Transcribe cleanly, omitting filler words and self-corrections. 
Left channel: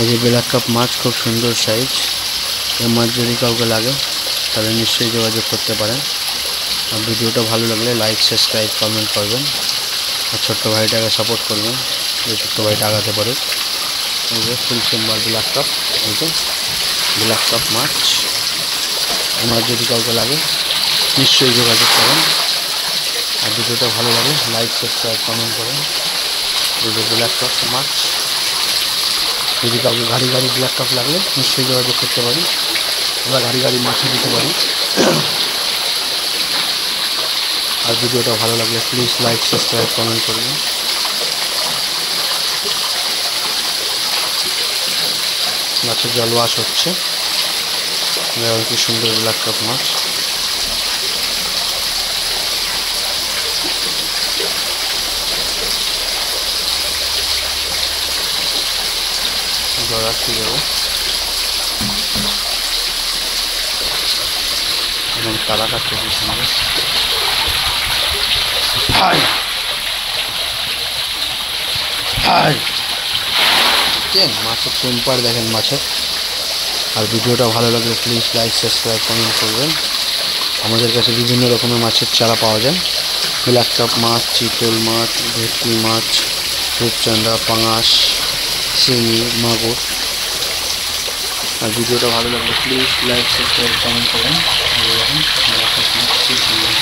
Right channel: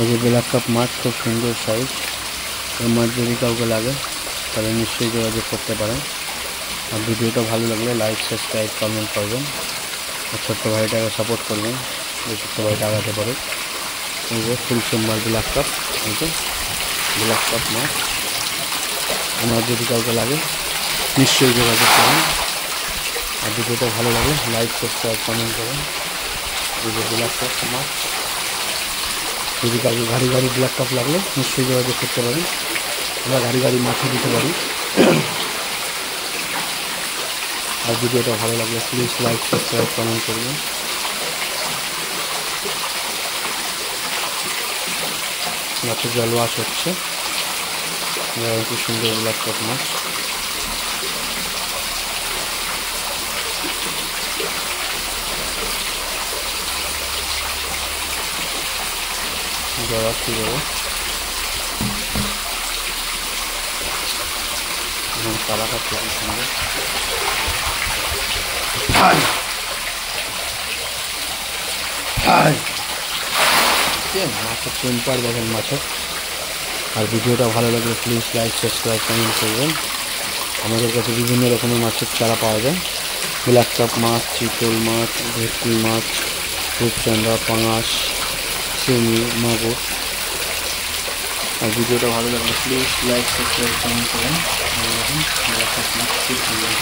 এই যে black cup মাছ, খুব সুন্দর সাইজ। এই মাছ যদি কাউকে লাগে তাহলে নিশ্চয়ই যোগাযোগ করতে পারেন। আর ভিডিওটা ভালো লাগলে লাইক, সাবস্ক্রাইব, কমেন্ট করবেন। আর ছোট্ট ভাইটাকে সাপোর্ট করবেন, যে ছোট্ট ভাইটা আগাতে পারে। এই যে ফুল সিম্বল ব্ল্যাক কাপ, এই যে ব্ল্যাক কাপ মাছ। আমার যদি কাউকে লাগে নিশ্চয়ই যোগাযোগ করুন। আর ভিডিওটা ভালো লাগে লাইক, সাবস্ক্রাইব, কমেন্ট করুন। এই যে ব্ল্যাক কাপ মাছ, যদি কাউকে গাড়ি ব্ল্যাক কাপ লাগলে নিশ্চয়ই যোগাযোগ করতে পারেন। আমরা গাড়ি মাছও দিতে পারি। আর ভিডিওটা ভালো লাগলে প্লিজ লাইক, সাবস্ক্রাইব, কমেন্ট করবেন। মাছের জল ওয়াশ হচ্ছে। কি সুন্দর ব্ল্যাক কাপ মাছ। জল কি দেবো এবং তালা কাটতে কি সুন্দর। মাছের টেম্পার দেখেন মাছের। আর ভিডিওটা ভালো লাগলে প্লিজ লাইক, সাবস্ক্রাইব, কমেন্ট করবেন। আমাদের কাছে বিভিন্ন রকমের মাছের চারা পাওয়া যায়। ব্ল্যাক কাপ মাছ, চিতল মাছ, ভেটকি মাছ, রূপচাঁদা, পাঙাশ, শিঙি, মাগুর। আর ভিডিওটা ভালো লাগলে প্লিজ লাইক, সাবস্ক্রাইব, কমেন্ট করবেন। ব্ল্যাক কাপ মাছ খুব সুন্দর।